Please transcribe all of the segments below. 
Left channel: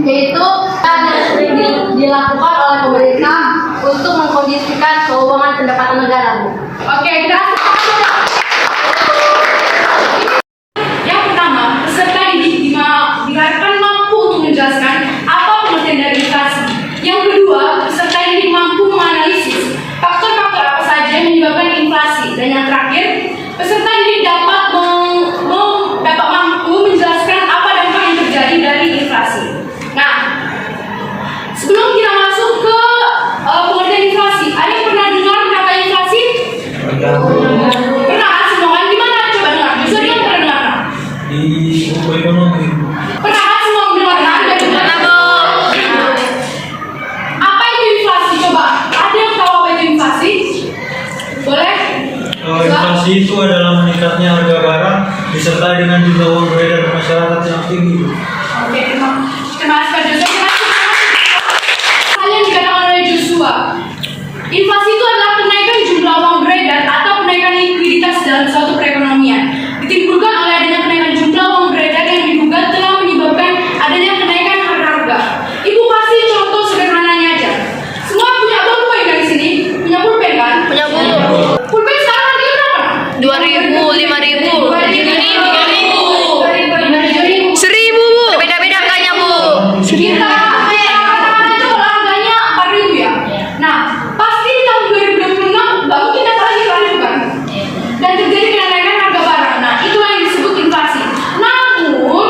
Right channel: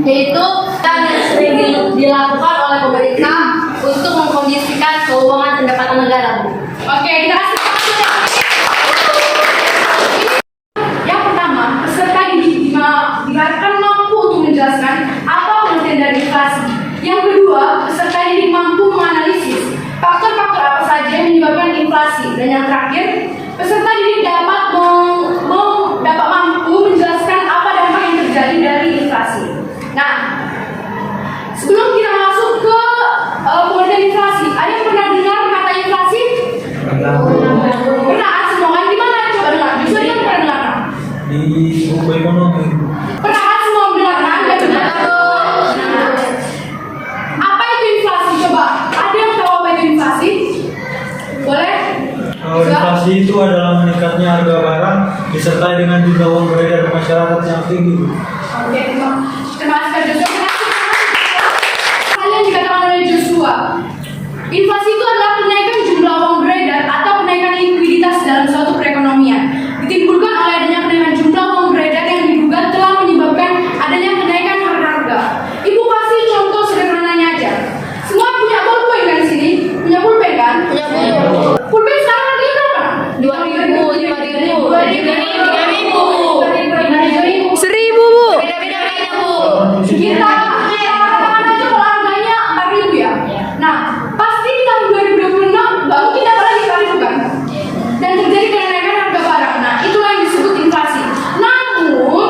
Yaitu yang sering dilakukan oleh pemerintah untuk mengkondisikan keuangan pendapatan negara, Bu. Oke, kita yang pertama, peserta diharapkan mampu untuk menjelaskan apa pengertian dari inflasi. Yang kedua, peserta ini mampu menganalisis faktor-faktor apa saja yang menyebabkan inflasi. Dan yang terakhir, peserta ini dapat mampu menjelaskan apa dampak yang terjadi dari inflasi. Nah, sebelum kita masuk ke pengertian inflasi, ada yang pernah dengar kata inflasi? Pernah, semua kan? Di mana? Coba dengar. Bisa kan pernah dengar? Di buku ekonomi. Pernah kan semua dengar? Apa itu inflasi? Coba, ada yang tahu apa itu inflasi? Boleh? Inflasi itu adalah meningkatnya harga barang disertai dengan jumlah uang beredar di masyarakat yang tinggi. Oke, terima kasih Pak Joshua. Hal yang dikatakan oleh Joshua, inflasi itu adalah kenaikan jumlah uang beredar atau kenaikan likuiditas dalam suatu perekonomian. Ditimbulkan oleh adanya kenaikan jumlah uang beredar yang diduga telah menyebabkan adanya kenaikan harga-harga. Ibu kasih contoh sederhananya aja. Semua punya pulpen kan di sini? Punya pulpen kan? Punya, Bu. Pulpen sekarang harganya berapa? 2.000, 5.000, 2.000, 1.000, Bu. Beda-beda harganya, Bu. kita katakan aja kalau harganya 4.000 ya. Nah, pasti di tahun 2026 nggak mungkin ada lagi 4.000 kan? Dan terjadi kenaikan harga barang. Nah, itulah yang disebut inflasi. Namun,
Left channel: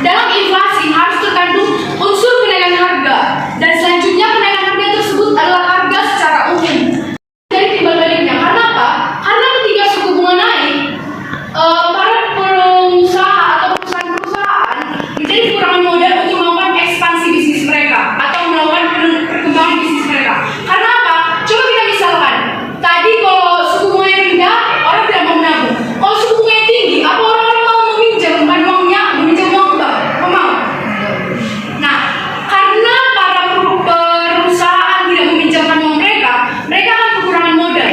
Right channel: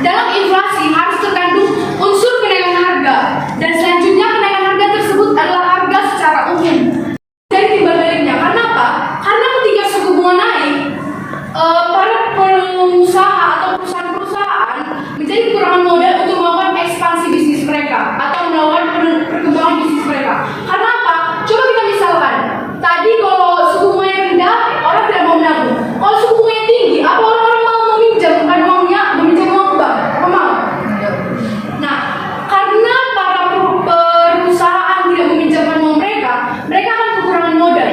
dalam inflasi harus terkandung unsur kenaikan harga. Dan selanjutnya kenaikan harga tersebut adalah harga secara umum. Dari timbal baliknya. Karena apa? Karena ketika suku bunga naik, para pengusaha atau perusahaan-perusahaan menjadi kekurangan modal untuk melakukan ekspansi bisnis mereka atau melakukan perkembangan bisnis mereka. Karena apa? Coba kita misalkan, tadi kalau suku bunganya rendah, orang tidak mau menabung. Kalau suku bunganya tinggi, apa orang-orang mau meminjamkan uangnya, meminjam uang bank? Apa mau? Nah, karena para perusahaan tidak meminjamkan uang mereka, mereka akan kekurangan modal.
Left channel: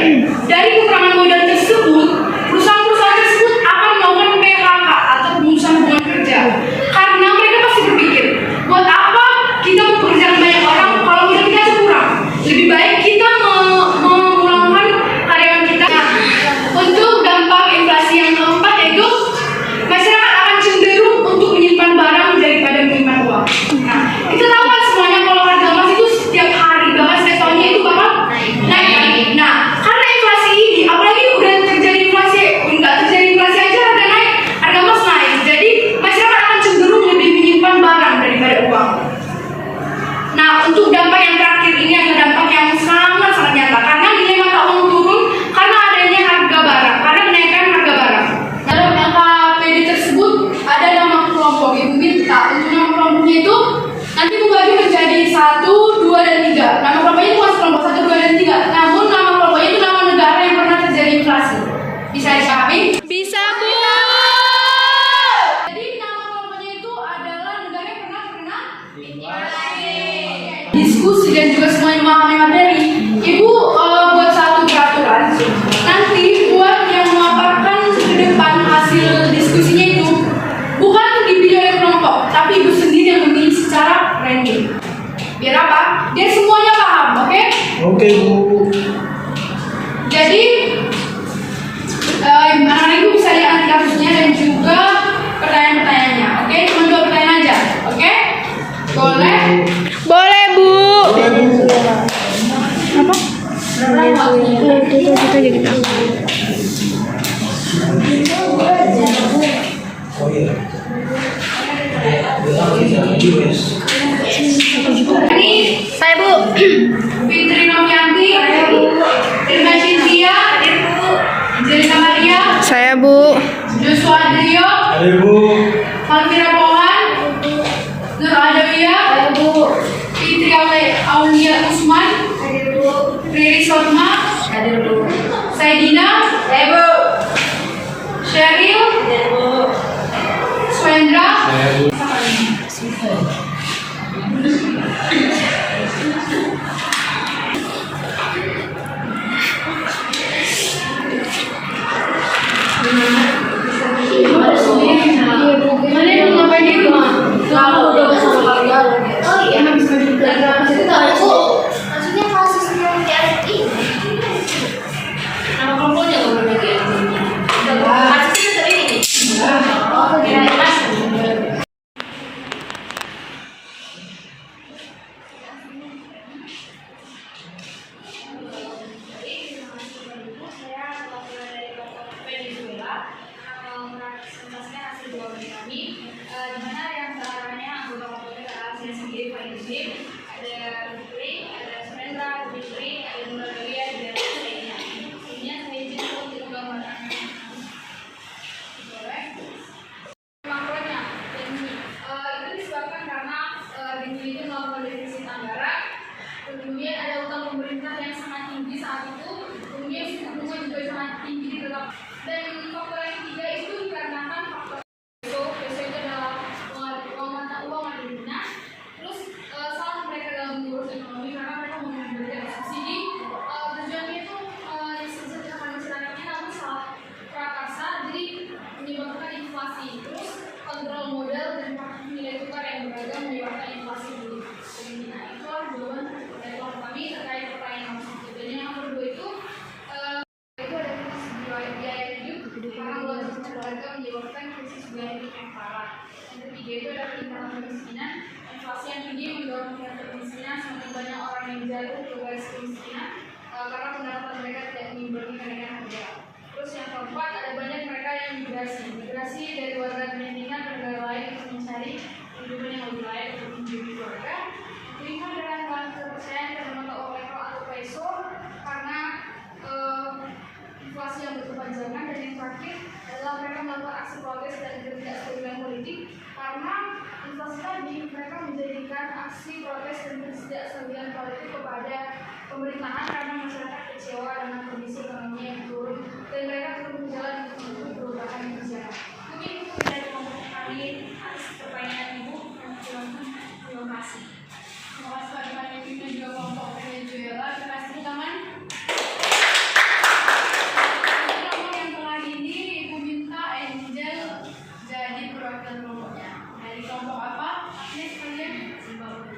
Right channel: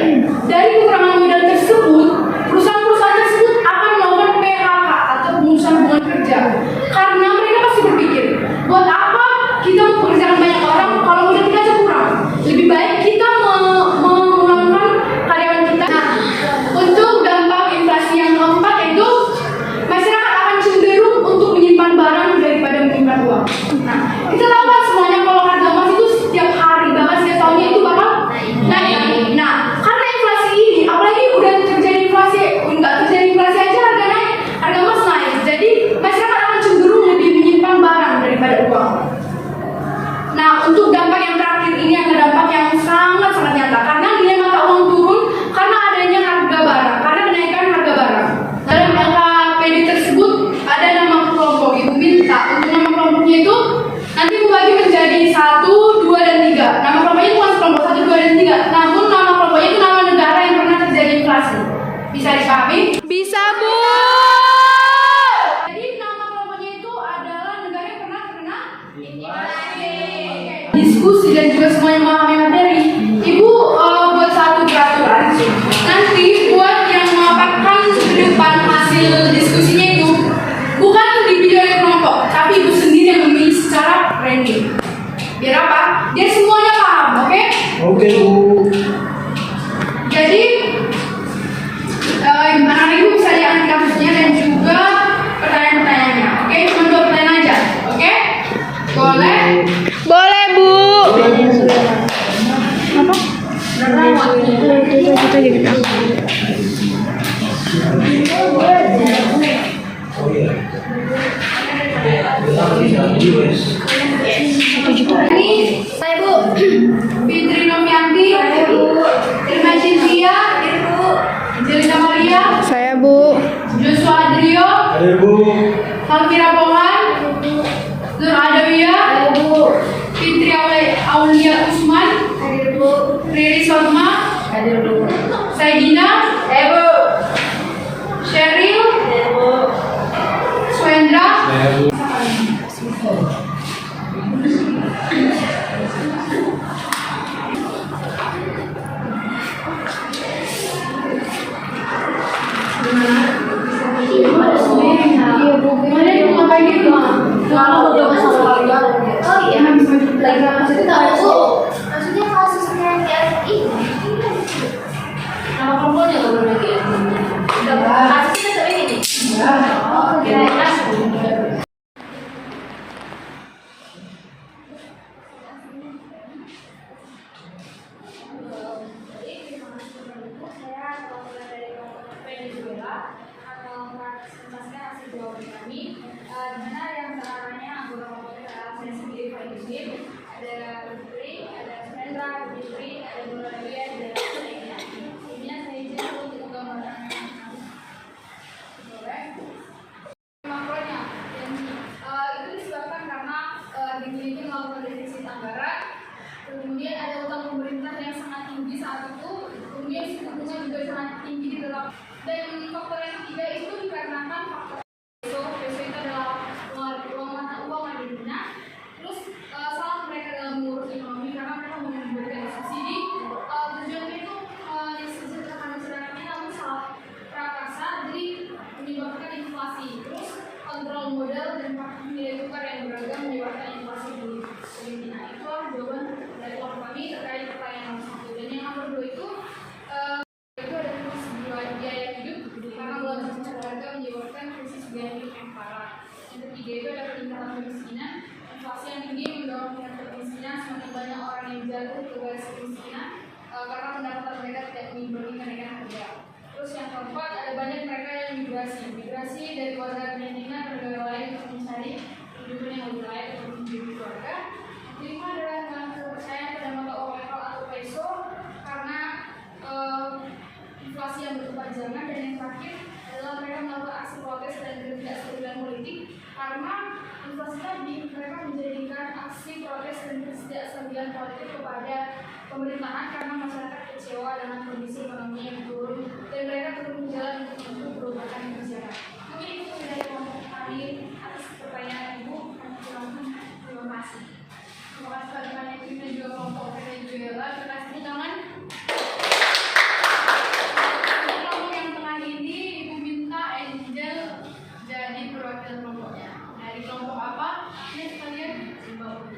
Dari kekurangan modal tersebut, perusahaan-perusahaan tersebut akan melakukan PHK atau pemutusan hubungan kerja. Karena mereka pasti berpikir, buat apa kita mempekerjakan banyak orang kalau modal kita aja kurang? Lebih baik kita memulangkan karyawan kita. Nah, untuk dampak inflasi yang keempat yaitu masyarakat akan cenderung untuk menyimpan barang daripada menyimpan uang. Nah, kita tahu kan semuanya kalau harga emas itu setiap hari bahkan setiap tahunnya itu bakal naik. Nah, karena inflasi ini, apalagi udah terjadi inflasi, enggak terjadi inflasi aja harga naik, harga emas naik. Jadi masyarakat akan cenderung lebih menyimpan barang daripada uang. Nah, untuk dampak yang terakhir ini adalah dampak yang sangat-sangat nyata. Karena nilai mata uang turun karena adanya harga barang, karena kenaikan harga barang. Dalam LKPD tersebut ada nama kelompok. Ibu minta untuk nama kelompoknya itu nanti membagi menjadi 1, 2, dan 3. Nama kelompoknya bukan kelompok 1, 2, dan 3. Namun nama kelompoknya itu nama negara yang pernah terjadi inflasi. Bisa dipahami? Bisa, Bu. Jadi nama kelompoknya itu adalah negara yang pernah terkena inflasi. Diskusi dan juga semua yang memahami materi, Ibu buat satu peraturan. Nanti buat yang memaparkan ke depan hasil diskusinya itu bukan dipilih oleh kelompok, tapi Ibu sendiri yang memilih secara random. Biar apa? Biar semuanya paham, oke? Oke, Bu. Jadi anak Ibu bisa lihat nanti kasusnya dan juga pertanyaan-pertanyaannya. Oke, cuma 2 pertanyaan aja. Oke? Boleh? Boleh, Bu. Apa? Kita jadi tahu. Oh iya. Ini Saya, Bu. Fitri Nomianti, Irma Cynthia, Jelisa Maria, Saya, Bu. Joshua Adrio, Ayo, Bu. Malvira Pohan, Nur Adawiyah, Fitri Aulia Usman, Riri Sotma, Saidina, Sheryl, Swendra, Rizky, ada Lutfi, ada Surendra, ada Fitri, ada Nuralia, dan lainnya. Ini saya izin untuk gambaran. Makronya, dan itu disebabkan karena Rizky melakukan defisit anggaran. Kemudian ada utang pemerintah yang sangat tinggi saat itu. Kemudian suku bunga juga sangat tinggi di dalam. Dan faktor yang ketiga itu dikarenakan faktor peso itu adalah uang mata dunia. Terus salah mereka dalam mengurus ekonomi karena mereka memberikan subsidi. Tujuannya itu mensejahterakan masyarakatnya, namun salah prakarsa, jadi menyebabkan inflasi. Terus kontrol modal dan nilai tukar yang beragam menyebabkan inflasi di Filipina. Itu jawaban dari kelompok kami terkait pertanyaan nomor 1. Dan yang nomor 2 itu ada krisis biaya hidup karena belum keluarga menyebabkan krisis biaya hidup yang parah. Yang ketiga itu ada peningkatan kemiskinan. Inflasi yang tinggi mendorong tingkat kemiskinan, semakin banyak orang yang jatuh ke garis kemiskinan karena pendapatan mereka tidak mengimbangi kenaikan harga. Terus yang keempat, ada banyak mereka yang migrasi dari warga Filipina ke negara lain untuk mencari kehidupan yang lebih layak untuk menjadi keluarga. Kelima adalah kepercayaan pada mata uang lokal atau peso karena inflasi yang berkepanjangan. Dan yang terakhir adalah mereka melakukan aksi protes dan ketidakstabilan politik karena inflasi tadi. Mereka menjadikan aksi protes dan ketidakstabilan politik kepada pemerintahan karena masyarakat kecewa dengan kondisi ekonomi yang turun dan mereka turun ke jalan untuk mendukung perubahan kebijakan. Mungkin itu dari kelompok kami atas pertanyaan ibu. Terima kasih. Terima kasih pada kami dan juga kelompok Venezuela. Terima kasih teman. Kelompok yang tengah ini ibu minta Angel jadi perwakilan kelompoknya. Dari kelompok apa? Ini sekalian Zimbabwe.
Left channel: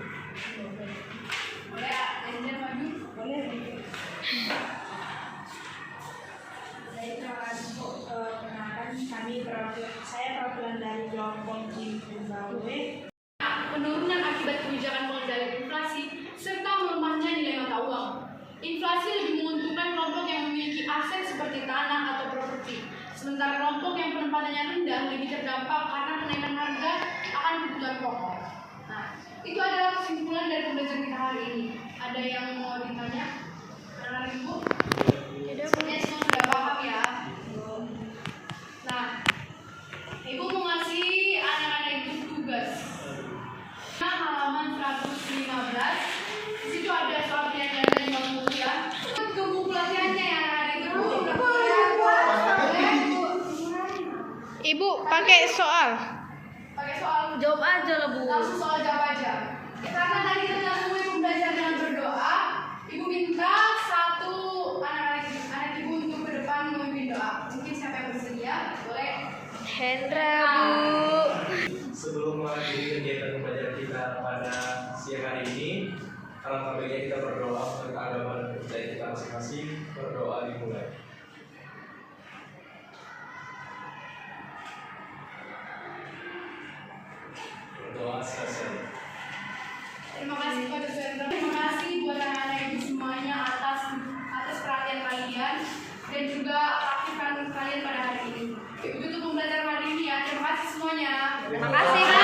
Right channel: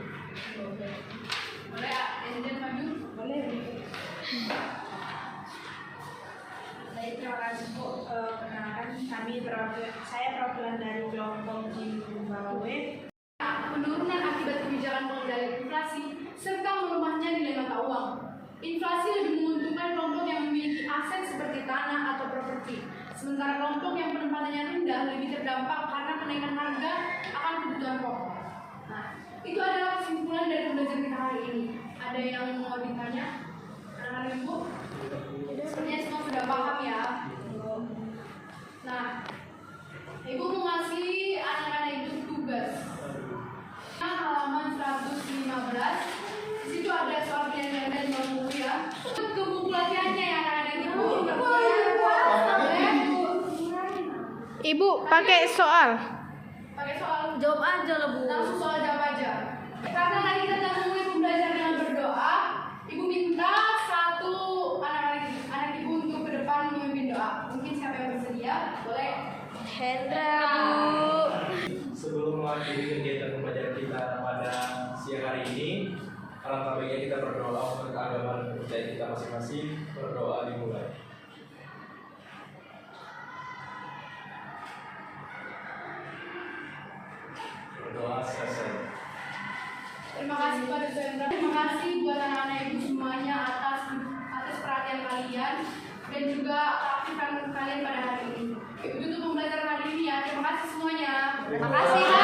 Boleh Angel maju? Boleh. Baik, terima kasih Bu. Perkenalkan saya perwakilan dari kelompok Zimbabwe. Penurunan akibat kebijakan pengendalian inflasi serta melemahnya nilai mata uang. Inflasi lebih menguntungkan kelompok yang memiliki aset seperti tanah atau properti, sementara kelompok yang penempatannya rendah lebih terdampak karena kenaikan harga akan kebutuhan pokok. Nah, itu adalah kesimpulan dari pembelajaran kita hari ini. Ada yang mau ditanya? Anak-anak ibu? Sebenarnya semua sudah paham ya. Nah, ibu mau ngasih anak-anak ibu tugas. Halaman 115. Di situ ada soal penyanyian dari Bang Buku ya. Ke buku latihannya ya anak-anak ibu. Ibu pakai soal. Pakai soal. Jawab aja lah, Bu. Langsung soal jawab aja. Karena tadi kita sudah mulai belajar dengan berdoa, ibu minta satu anak ibu untuk ke depan memimpin doa. Mungkin siapa yang bersedia? Boleh. Hendra, Bu. Sebelum mengakhiri kegiatan pembelajaran kita pada siang hari ini, alangkah baiknya kita berdoa untuk agama dan kepercayaan kita masing-masing. Berdoa dimulai. Berdoa selesai. Terima kasih pada Surendra. Terima kasih buat anak-anak ibu semuanya atas perhatian kalian dan juga keaktifan kalian pada hari ini. Ibu tutup pembelajaran hari ini ya. Terima kasih semuanya. Terima kasih.